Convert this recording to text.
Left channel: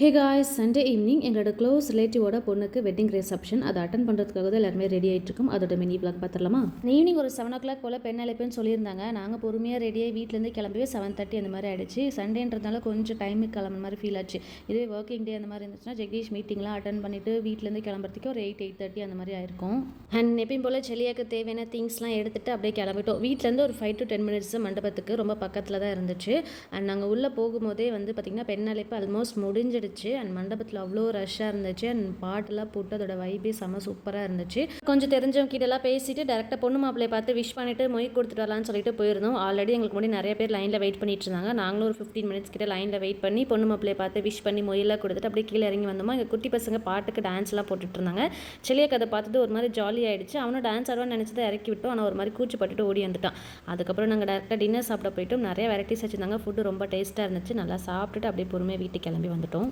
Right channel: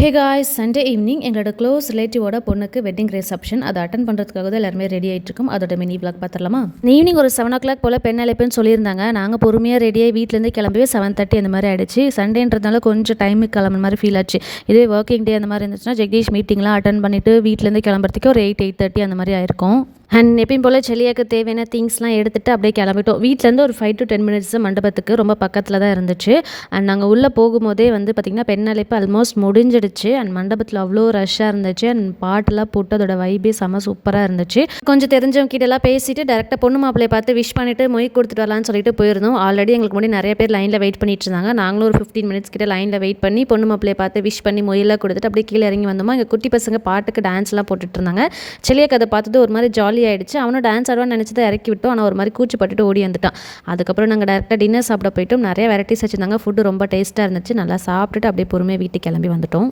Hey guys, Sunday evening எங்களோட close ரிலேட்டிவோட பொண்ணுக்கு wedding reception. அதை அட்டன் பண்ணுறதுக்காக தான் எல்லாருமே ரெடி ஆகிட்டு இருக்கோம். அதோட மினி விளாக் பார்த்துடலாமா? ஈவினிங் ஒரு 7 o'clock போல் பெண் அழைப்புன்னு சொல்லியிருந்தாங்க. நாங்கள் பொறுமையாக ரெடியாகி வீட்டிலேருந்து கிளம்பவே 7:30 அந்த மாதிரி ஆயிடுச்சு. சண்டேன்றதுனால கொஞ்சம் டைமுக்கு கிளம்புற மாதிரி ஃபீல் ஆச்சு. இதே ஒர்க்கிங் டே அந்த மாதிரி இருந்துச்சுன்னா ஜெகதீஷ் மீட்டிங்லாம் அட்டன் பண்ணிவிட்டு வீட்டிலேருந்து கிளம்புறதுக்கு ஒரு 8:30 அந்த மாதிரி ஆயிருக்கும். அண்ட் எப்பயும் போல் செல்லியாக்கு தேவையான திங்ஸ்லாம் எடுத்துகிட்டு அப்படியே கிளம்பிட்டோம். வீட்டிலேருந்து ஒரு 5 to 10 minutes மண்டபத்துக்கு ரொம்ப பக்கத்தில் தான் இருந்துச்சு. அண்ட் நாங்கள் உள்ளே போகும்போதே வந்து பார்த்திங்கன்னா பெண் அழைப்பு ஆல்மோஸ்ட் முடிஞ்சிடுச்சு. அண்ட் மண்டபத்தில் அவ்வளோ ரஷ்ஷாக இருந்துச்சு. அண்ட் பாட்டெல்லாம் போட்டு அதோட வைபே செம்ம சூப்பராக இருந்துச்சு. கொஞ்சம் தெரிஞ்சவங்க கிட்டலாம் பேசிட்டு டேரெக்டாக பொண்ணு மாப்பிள்ளையை பார்த்து விஷ் பண்ணிவிட்டு மொய் கொடுத்துட்டு வரலான்னு சொல்லிட்டு போயிருந்தோம். ஆல்ரெடி எங்களுக்கு முன்னாடி நிறைய பேர் லைனில் வெயிட் பண்ணிட்டு இருந்தாங்க. நாங்களும் ஒரு 15 minutes கிட்ட லைனில் வெயிட் பண்ணி பொண்ணு மாப்பிள்ளையை பார்த்து விஷ் பண்ணி மொயெல்லாம் கொடுத்துட்டு அப்படியே கீழே இறங்கி வந்தோமா. எங்கள் குட்டி பசங்க பாட்டுக்கு டான்ஸ்லாம் போட்டுட்டு இருந்தாங்க. செல்லியாக்கு அதை பார்த்துட்டு ஒரு மாதிரி ஜாலி ஆகிடுச்சு. அவனும் டான்ஸ் ஆடுவான்னு நினச்சி தான் இறக்கி விட்டோம். ஆனால் ஒரு மாதிரி கூச்சப்பட்டுட்டு ஓடி வந்துட்டான். அதுக்கப்புறம் நாங்கள் டேரெக்டாக டின்னர் சாப்பிட போயிட்டோம். நிறைய வெரைட்டிஸ் வச்சுருந்தாங்க. ஃபுட்டு ரொம்ப டேஸ்ட்டாக இருந்துச்சு. நல்லா சாப்பிட்டுட்டு அப்படியே பொறுமையாக வீட்டுக்கு கிளம்பி வந்துட்டோம்.